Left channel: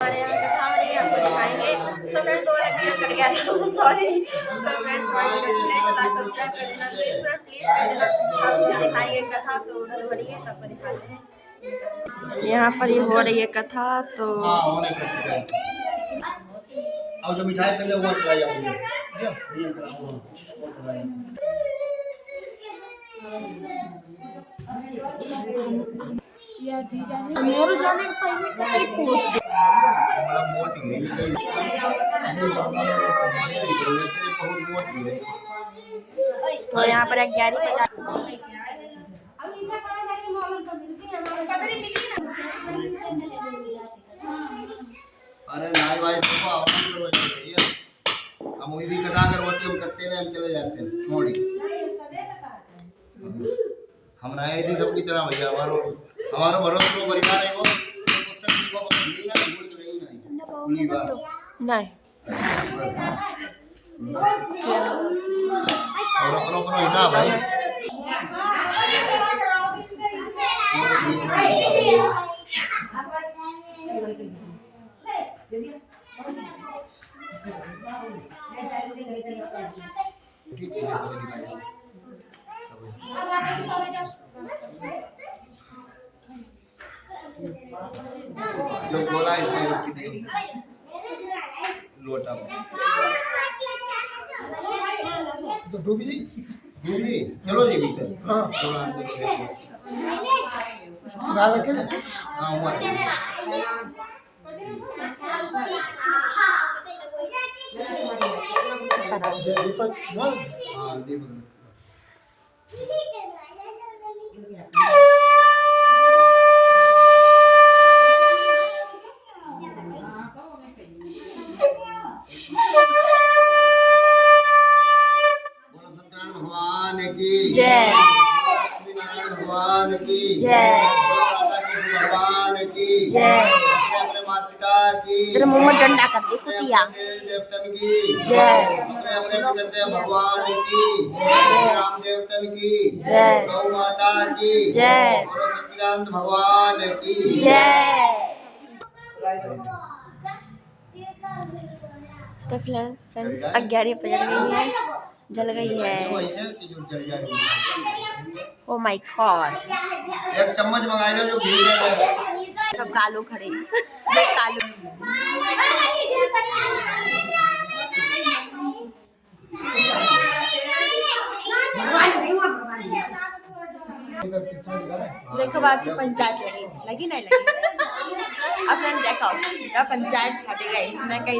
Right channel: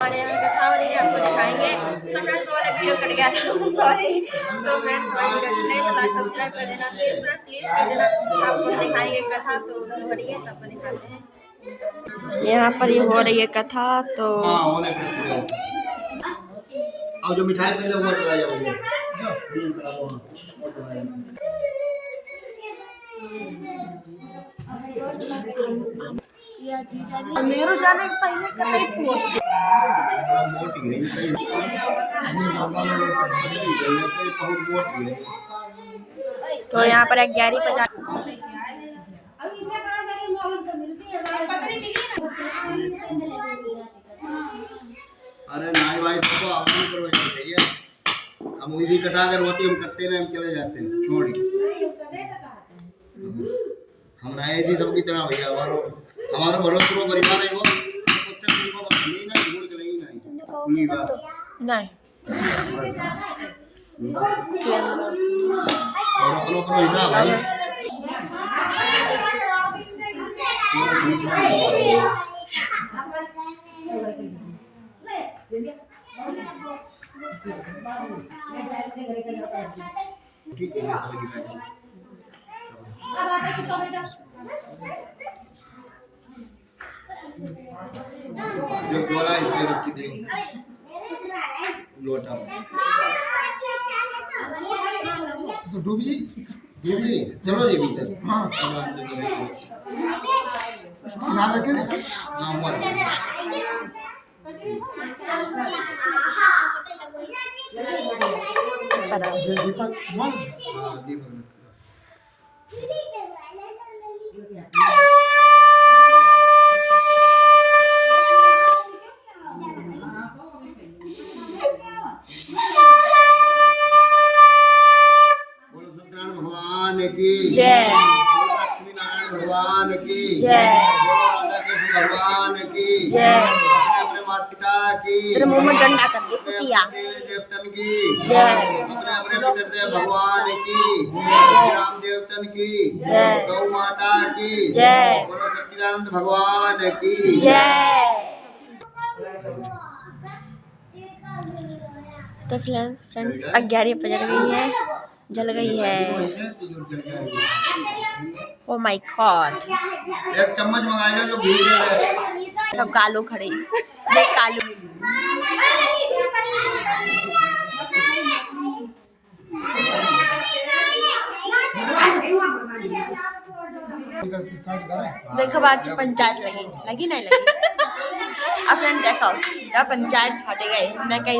हमारे यहाँ कथा हो रही है, आपको दिखाएंगे। सो फ्रेंड्स, वाला वीडियो कट गया था, सॉरी। तो फ्रेंड्स, हमारी वीडियो अच्छी लगी तो लाइक सब्सक्राइब कर देना, प्लीज कर देना। आपको दिखाएंगे कथा, तो उधर हो रही है, तो आपको दिखाते हैं। यहाँ पर ये हो रही है कथा, तो और जो मिठाई पहले वो चला जाओगे। मेरू जाने पहले कतई पूछ तो यहाँ पर 11:50। अरे नाल भाई सबको आवाज करो चाहिए। हम उसी कटा कर होती हम करते रहे, हम चले जाते हैं छोड़ी। हम रहे ऐसी सबकी तरह भैया, हमारा भरोसा परिवार है वो नहीं और अपनो हिसाब है। जो बोला इसमें रखी देंगे लोटा तो डूबी चलो जी भीतर। हाँ ध्यान रखे ना। हाँ हुआ दीपक। हाँ दीपक। की जय, लक्ष्मी नारायण भगवान की जय, राधा कृष्ण भगवान की जय, अपने माता पिता की, तेरे मुंह में डंडा कर दे कुतिया, देवतन की जय, अपने पितृदेव भगवान की, राम देवतन की जय, गौ माता की जय, सच्चिदानंद भगवान की जय। तो फ्रेंड्स 11 बज गई है, जल गई है। ओ माय गॉड, एक चम्मच मंगा लो जो घी है। सब कालू खड़े कालू। देखो बाद पंचायत लगी नहीं लगी। अब फ्रेंड देखो क्या पंचायत फाटे गए। मैं कही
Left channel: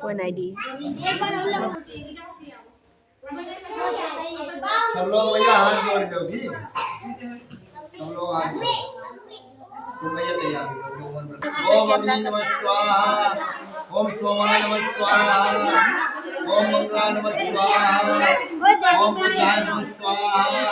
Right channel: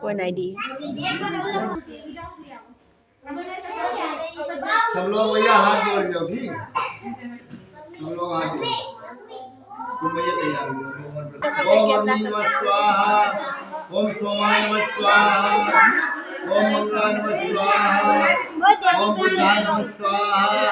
कोई नहीं दी। सब लोग भैया हाथ जोड़ दो भी, सब लोग हाथ जोड़। तुम भैया तैयार हो। ओम अग्नि नमः स्वाहा, ओम सोमाय नमः स्वाहा, ओम मंगलाय नमः स्वाहा, ओम बुधाय नमः स्वाहा।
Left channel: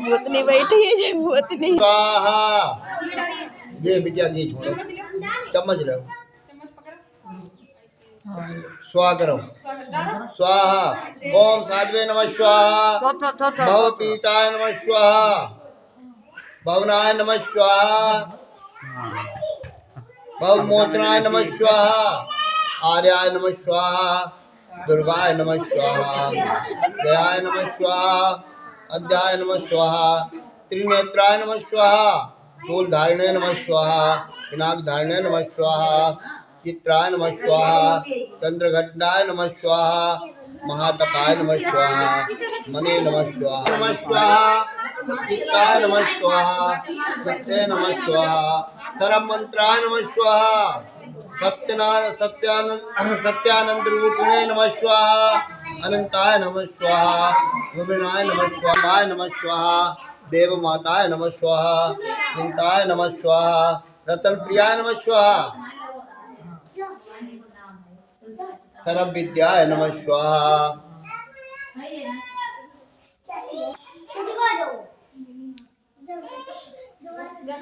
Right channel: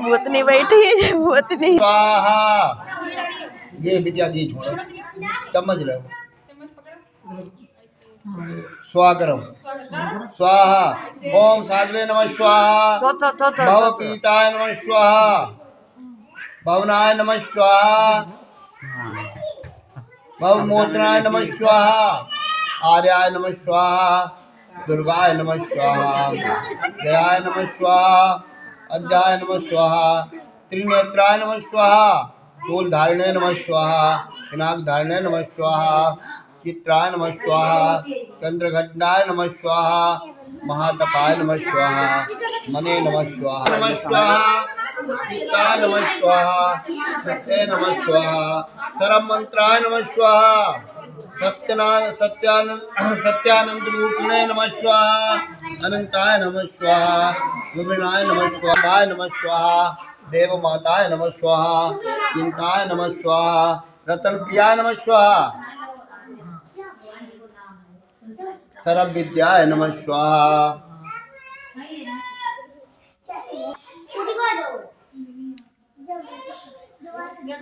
भूतनी बैठी है, भूतनी स्वाहा। ये विद्या की छोड़ो, चम्मच लो, स्वाहा करो, स्वाहा। ओम साध्वे नमः स्वाहा, भव पीताय नमः स्वाहा, भवनाय नमः स्वाहा, भव मोचनाय नमः स्वाहा, आर्याय नमः स्वाहा, दुर्गाय नमः स्वाहा, जयाय नमः स्वाहा, अध्याय नमः स्वाहा, त्रिनेत्राय नमः स्वाहा, मूलधारिणे नमः स्वाहा, पिनाकधारिणे नमः स्वाहा, चित्राय नमः स्वाहा, चंद्रघटाय नमः स्वाहा, महातपाय नमः स्वाहा, मने नमः स्वाहा, नमः स्वाहा, चित्ताय नमः स्वाहा, सत्ये नमः स्वाहा, सरम मंत्राय नमः स्वाहा, सत्यानंद रूपिणे नमः स्वाहा, अनंताय नमः स्वाहा, विभिन्नाय नमः स्वाहा, नमः स्वाहा, देव माताय नमः स्वाहा, चिंताय नमः स्वाहा, रतन प्रियाय नमः स्वाहा, सर्व विद्याय नमः स्वाहा। सर्व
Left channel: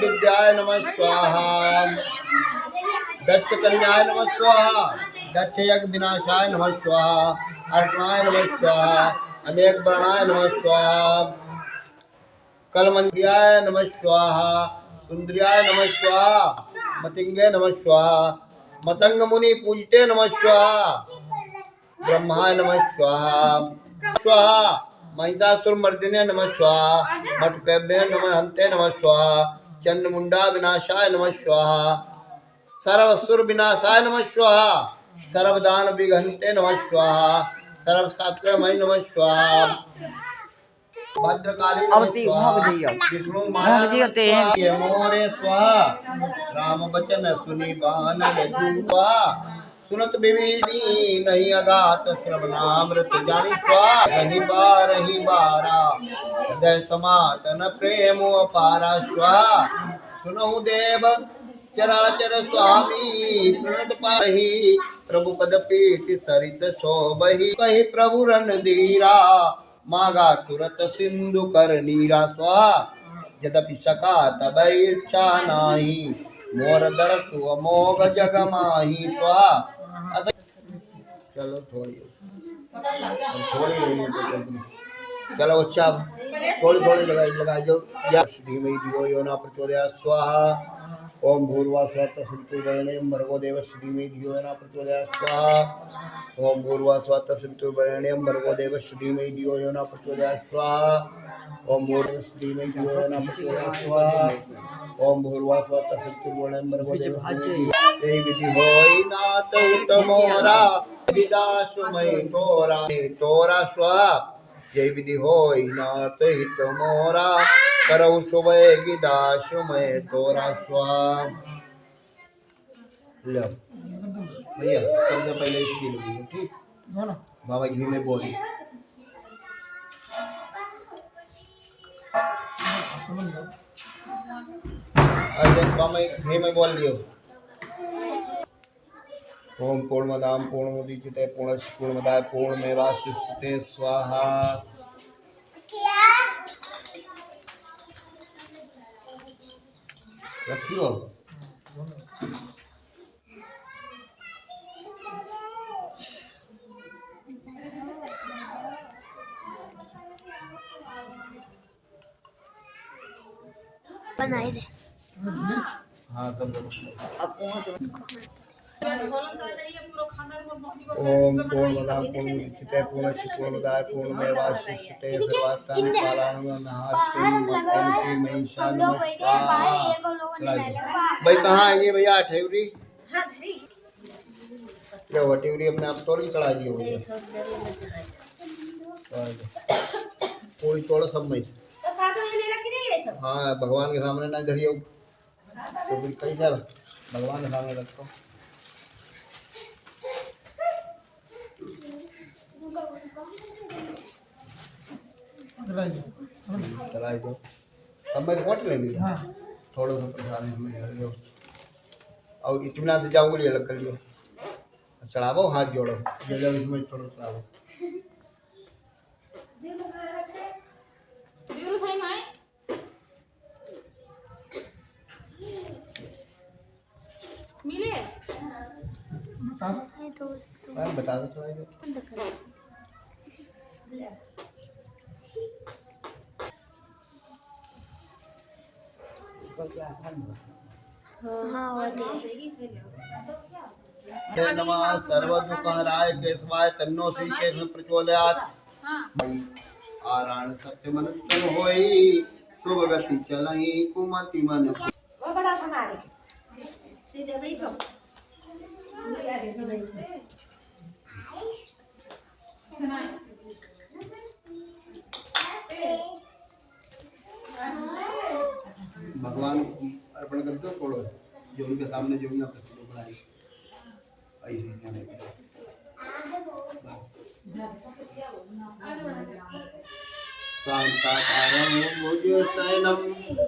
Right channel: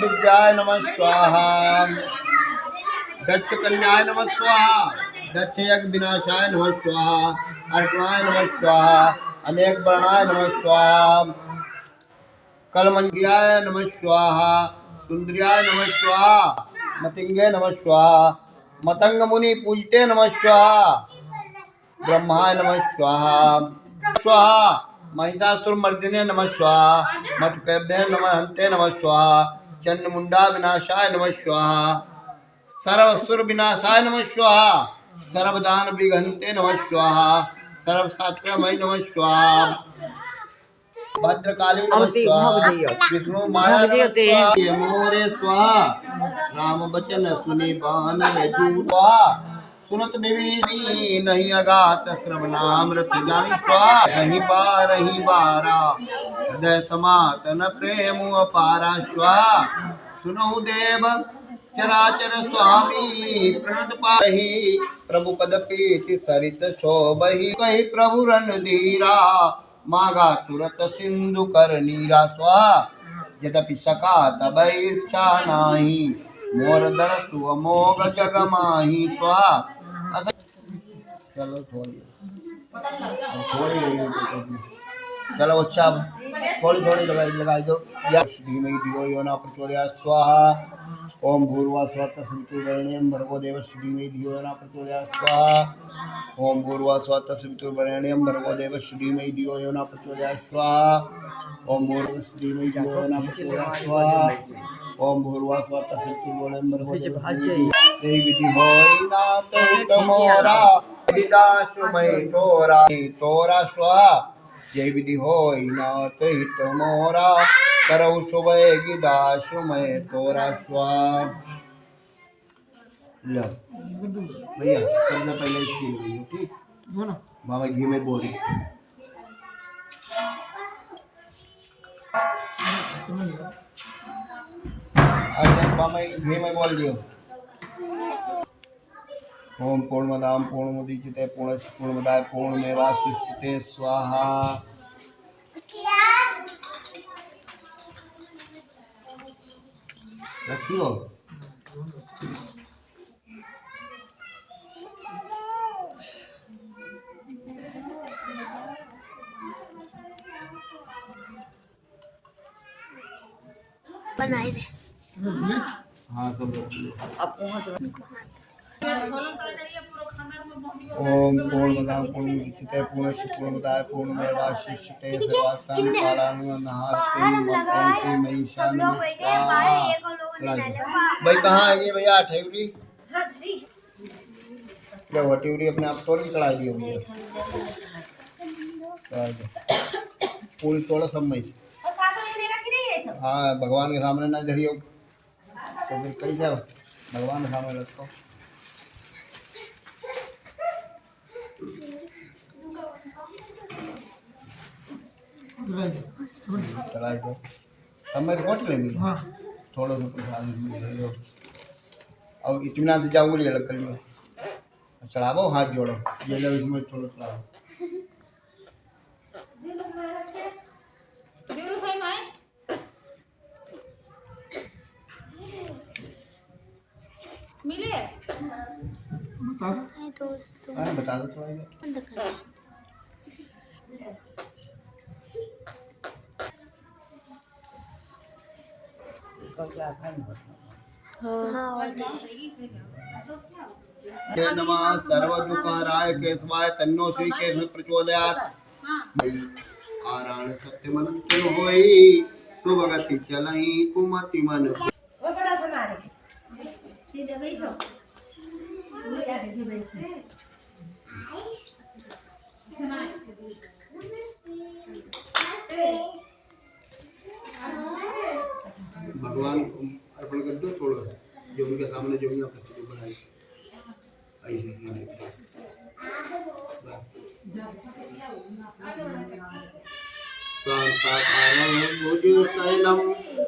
विद्याय नमः स्वाहा। दक्ष कन्याय नमः स्वाहा। दक्ष यज्ञ विनाशाय नमः स्वाहा। अर्पणाय नमः स्वाहा। अनेक वर्णाय नमः स्वाहा। कलमंगियाय नमः स्वाहा। सुंदरियाय नमः स्वाहा। मतिंगे नमः स्वाहा। मतंग मुनि पूजते नमः स्वाहा। ब्रह्माय नमः स्वाहा। स्वाहा। महिषासुर मर्दिने नमः स्वाहा। मटकैब्य नमः हंते नमः स्वाहा। चंडमुंडा विनाशाय नमः स्वाहा। सर्वसुर विनाशाय नमः स्वाहा। सर्वदान विघंते नमः स्वाहा। सर्वशास्त्रमय नमः स्वाहा। भद्रकाली नमः स्वाहा। विष्णु माया नमः स्वाहा। ये मोरे स्वाहा। राम बचन सुनि बान यजु स्वाहा। सुनत विविधि नहीं अगात श्रवणामृत जान स्वाहा। नहीं बार ही बारा हृदय समातन प्रेम अपारा स्वाहा। सुनहु देव चराचर स्वामी प्रणत पाहि। प्रभु पद पीति सरित शोभहि। कहि प्रभु रणधीरा मागा तुरत सिंधु कर नीरा स्वाहा। यद्यपि सका तब इच्छा नाही। मोर दरसु अमोघ जग माही स्वाहा। चलो थोड़ी चलो अच्छा थोड़ी थोड़ी लगाई दो। धीमहि धियो यो न प्रचोदयात् स्वाहा। ओम भूर्भुवः स्वः तत्सवितुर्वरेण्यं भर्गो देवस्य धीमहि धियो यो न प्रचोदयात् स्वाहा। ओम भूर्भुवः स्वः तत्सवितुर्वरेण्यं भर्गो देवस्य धीमहि धियो यो न प्रचोदयात् स्वाहा। ओम भूर्भुवः धीमहि धियो यो न प्रचोदयात् स्वाहा। ओम भूर्भुवः स्वः तत्सवितुर्वरेण्यं भर्गो देवस्य तेहि विधि होय नाथ तमोरा। विदासुमय तोरा तोरा स्वाहा। जय विधि होय नाथ हित मोरा। करौ सुबह गिदासुमय तोरा स्वाहा। लो भैया करना पहले इसकी ठीक बाबा घी में बोली। अच्छा बाबा घी में बोल दियो। ओम पूर्णमदाम पूर्णमुदच्यते पूर्णस्य पूर्णमदाय पूर्णमेवावशिष्यते स्वाहा। रखियो बनाए दे। हाँ सब रखियो। ओम पूर्णमदाम पूर्णमुदच्यते पूर्णस्य पूर्णमदाय पूर्णमेवावशिष्यते सर्वास्तानि कालानि नहास्ति महिषा नमस्कार। भाई कहाँ है ये भैया ठेवरी क्या हुआ? टिवरी अपने आप तोड़ के चढ़ा दी होगी। पूरी तोड़ा सब में हाँ भगवान के सामने ना धरी हो तो फिर कहीं जा भगवान के सामने रखो। चलाई दो सब में तो लेंगे थोड़ा सा प्रसाद और इत्मीनान से जाओगे लिए अलग कर लियो। चढ़ावो हाथ जोड़ो इसमें थोड़ा चढ़ाओ। बता दो थोड़ा नमः सर्वदुःखहराय केशवाय तन्नो श्री केशव प्रचोदयात्। आराण सत्य मन तन होई शुभ गति चलहि कुमति मन। भगवान अर्पण कर दो थोड़ा जो उनके सामने जो उन्हें प्रस्तुति बनाई ऐसे शांताकारं भुजशयनं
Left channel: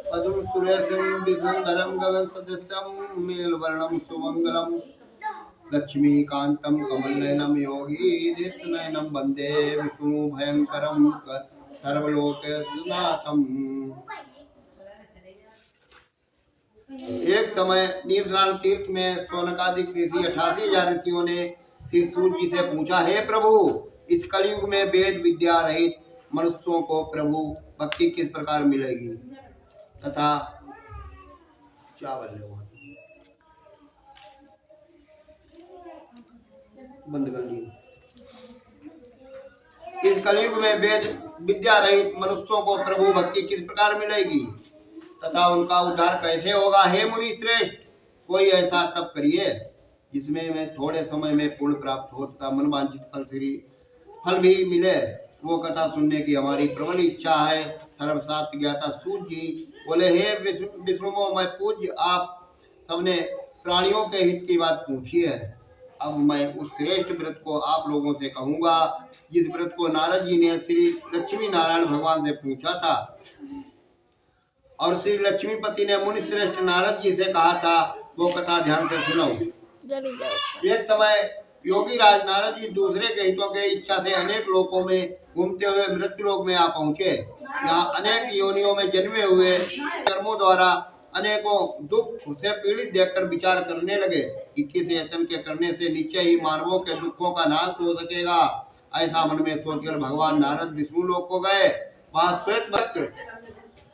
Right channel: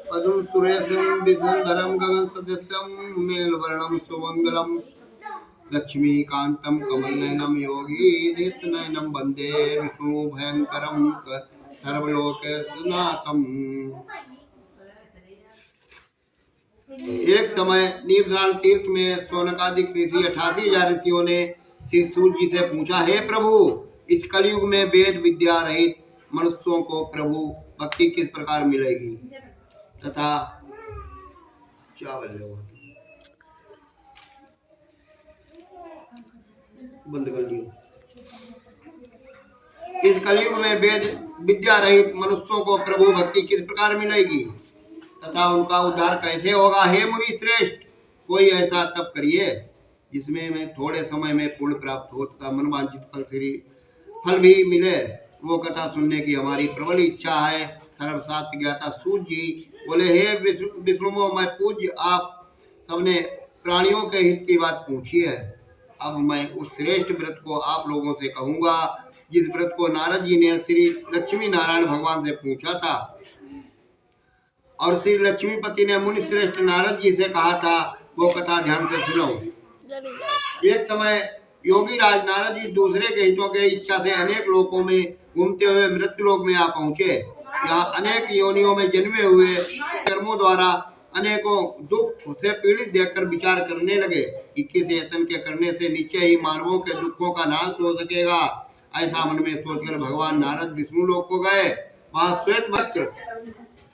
पद्म सुरेशं विष्णुधरं गगन सदृशं मेलवर्णं सुमंगलं लक्ष्मीकान्तं कमलनयनं योगीधितनयनं वन्दे विष्णु भयंकरं सर्वलोकनाथम्। एक समय नीवजान तीर्थ में सोनकादिक ऋषि 88,000 ऋषियों ने श्री सूर्य जी से पूछा, हे प्रभु, इस कलयुग में वेद विद्या रहित मनुष्यों को प्रभु भक्ति किस प्रकार मिलेगी तथा बंद कर दियो। इस कलयुग में वेद विद्या रहित मनुष्यों को प्रभु भक्ति किस प्रकार मिलेगी तथा उनका उद्धार कैसे होगा। हे मुनि श्रेष्ठ, कोई ऐसा तप करिए जिसमें मैं थोड़े समय में पुण्य प्राप्त हो तथा मनवांछित फल भी मिले। वो कथा सुनने की हमारी प्रबल इच्छा है। सर्वशास्त्र ज्ञाता सूर्य जी बोले, हे विष्णु, मैं पूज्य आप सबने प्राणियों के हित की बात पूछी है। अब मैं उस श्रेष्ठ व्रत को आप लोगों से कहूंगा जिस व्रत को नारद जी ने श्री लक्ष्मी नारायण भगवान से पूछा था और श्री लक्ष्मीपति ने मुनि श्रेष्ठ नारद जी से कहा था। वो कथा ध्यान से सुनो। एक समय योगी राज नारद जी दूसरे के हितों के इच्छा से अनेक लोकों में घूमते हुए मृत्यु लोक में आ पहुँचे। यहाँ अनेक योनियों में जन्मे हुए कर्मों द्वारा अनेकों दुख से पीड़ित देखकर विचार करने लगे कि किस यत्न के करने से निश्चय ही मानवों के दुखों का नाश हो सकेगा। ऐसा मन में सोचकर भगवान नारद विष्णु लोक को गए। वहाँ श्वेत वस्त्र,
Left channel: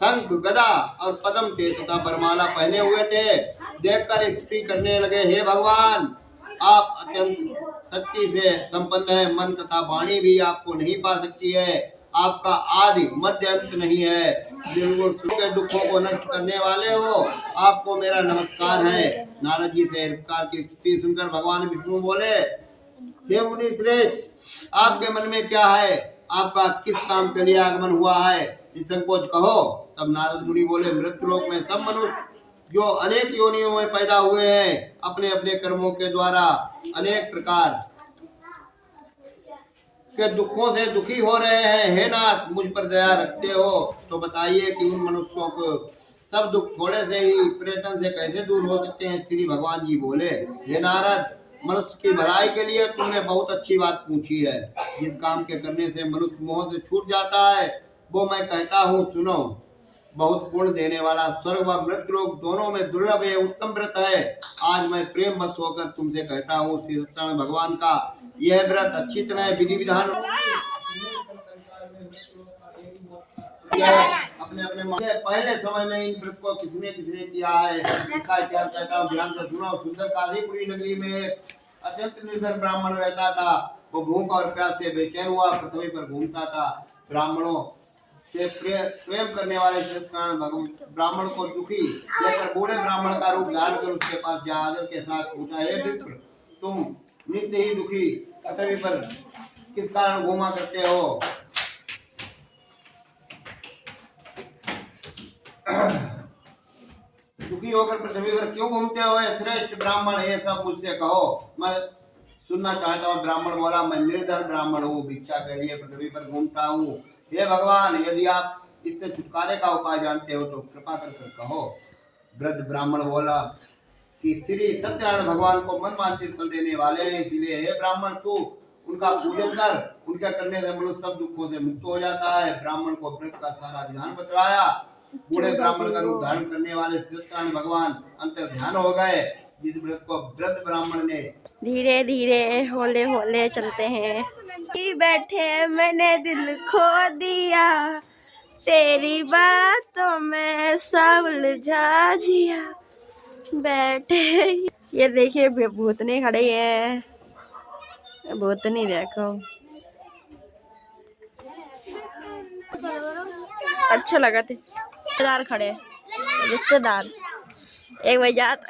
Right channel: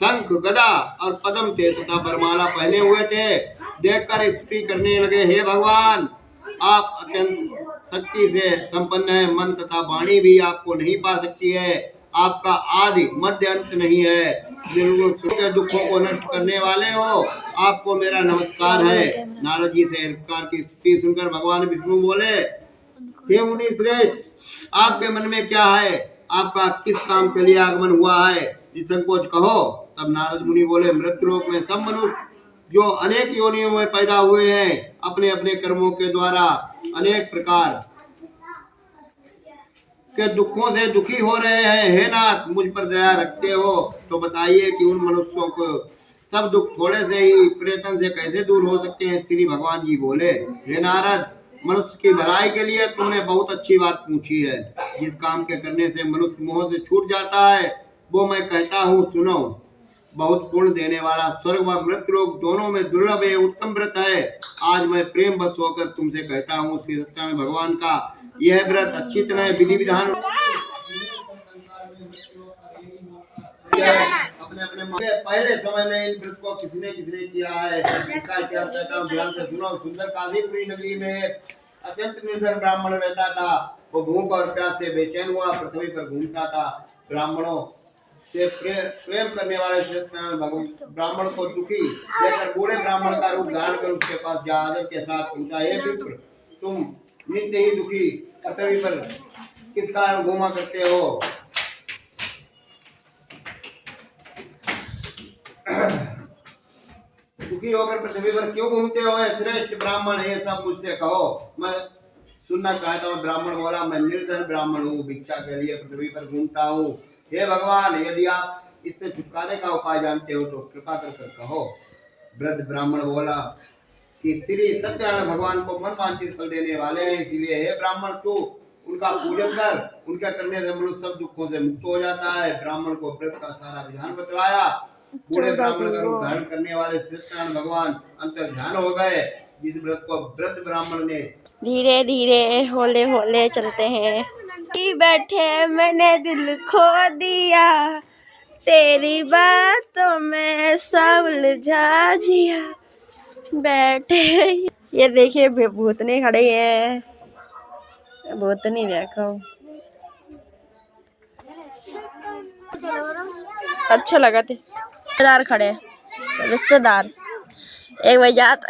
शंख, गदा और पद्म थे तथा बरमाला पहने हुए थे। देखकर स्तुति करने लगे, हे भगवान, आप अत्यंत शक्ति से संपन्न है। मन तथा वाणी भी आपको नहीं पा सकती है। आपका आदि मध्य अंत नहीं है। बिल्कुल सुख के दुखों को नष्ट करने वाले हो। आपको मेरा नमस्कार है। नारद जी से प्रकार की स्तुति सुनकर भगवान विष्णु बोले, हे मुनि श्रेष्ठ, आपके मन में क्या है? आपका किस काम के लिए आगमन हुआ है? निसंकोच कहो। तब नारद मुनि बोले, मृत्युलोक में सब मनुष्य जो अनेक योनियों में पैदा हुए हैं अपने अपने कर्मों के द्वारा अनेक प्रकार के दुखों से दुखी हो रहे हैं। हे नाथ, मुझ पर दया रखते हो तो बताइए कि उन मनुष्यों को सब दुख थोड़े से ही प्रयत्न से कैसे दूर हो सकते हैं। श्री भगवान जी बोले, हे नारद, मनुष्य की भलाई के लिए तुमने बहुत अच्छी बात पूछी है। जिस काम के करने से मनुष्य मोह से छूट जाता है वो मैं कहता हूँ, सुनो। बहुत पुण्य देने वाला स्वर्ग व मृत्यु लोक दोनों में दुर्लभ है, उत्तम व्रत है। आज मैं प्रेम बस होकर तुमसे कहता हूँ, श्री सत्यनारायण भगवान का यह व्रत अच्छी तरह विधि विधान अपने अपने पहले समय में इन व्रत को किसने किया है इसका इतिहास कहता हूँ, ध्यान से सुनो। सुंदर काशीपुरी नगरी में अत्यंत निर्धन ब्राह्मण रहता था। वो भूख और प्यास से बेचैन हुआ पृथ्वी पर घूमता था। ब्राह्मणों से प्रेम करने वाले सत्यनारायण भगवान ब्राह्मण को दुखी देखकर बूढ़े ब्राह्मण का रूप धारण कर उसके पास जा आदर के साथ पूछा, हे विप्र, तुम नित्य ही दुखी पृथ्वी पर किस कारण घूमा करते हो? दुखी होकर पृथ्वी पर क्यों घूमते हो? श्रेष्ठ ब्राह्मण, ये सब मुझसे कहो, मैं सुनना चाहता हूँ। ब्राह्मण बोला, मैं निर्धन ब्राह्मण हूँ, भिक्षा के लिए पृथ्वी पर घूमता हूँ। हे भगवान, यदि आप इससे छुटकारे का उपाय जानते हो तो कृपा कर कहो। वृद्ध ब्राह्मण बोला कि श्री सत्यनारायण भगवान को मन वांछित फल देने वाले हैं, इसलिए हे ब्राह्मण, तू उनका पूजन कर। उनका करने से मनुष्य सब दुखों से मुक्त हो जाता है। ब्राह्मण को व्रत का सारा विधान बतलाया। बूढ़े ब्राह्मण का रूप धारण करने वाले सत्यनारायण भगवान अंतर ध्यान हो गए। जिस व्रत को वृद्ध ब्राह्मण ने धीरे धीरे होले होले चलते हैं। बैठे मैंने दिल खो दिया, तेरी बातों में सब उलझा जिया। बैठे, ये देखिए भूतनी खड़े हैं। भूतनी देखो, अच्छा लगा थे। रिश्तेदार खड़े, रिश्तेदार एक भाई जात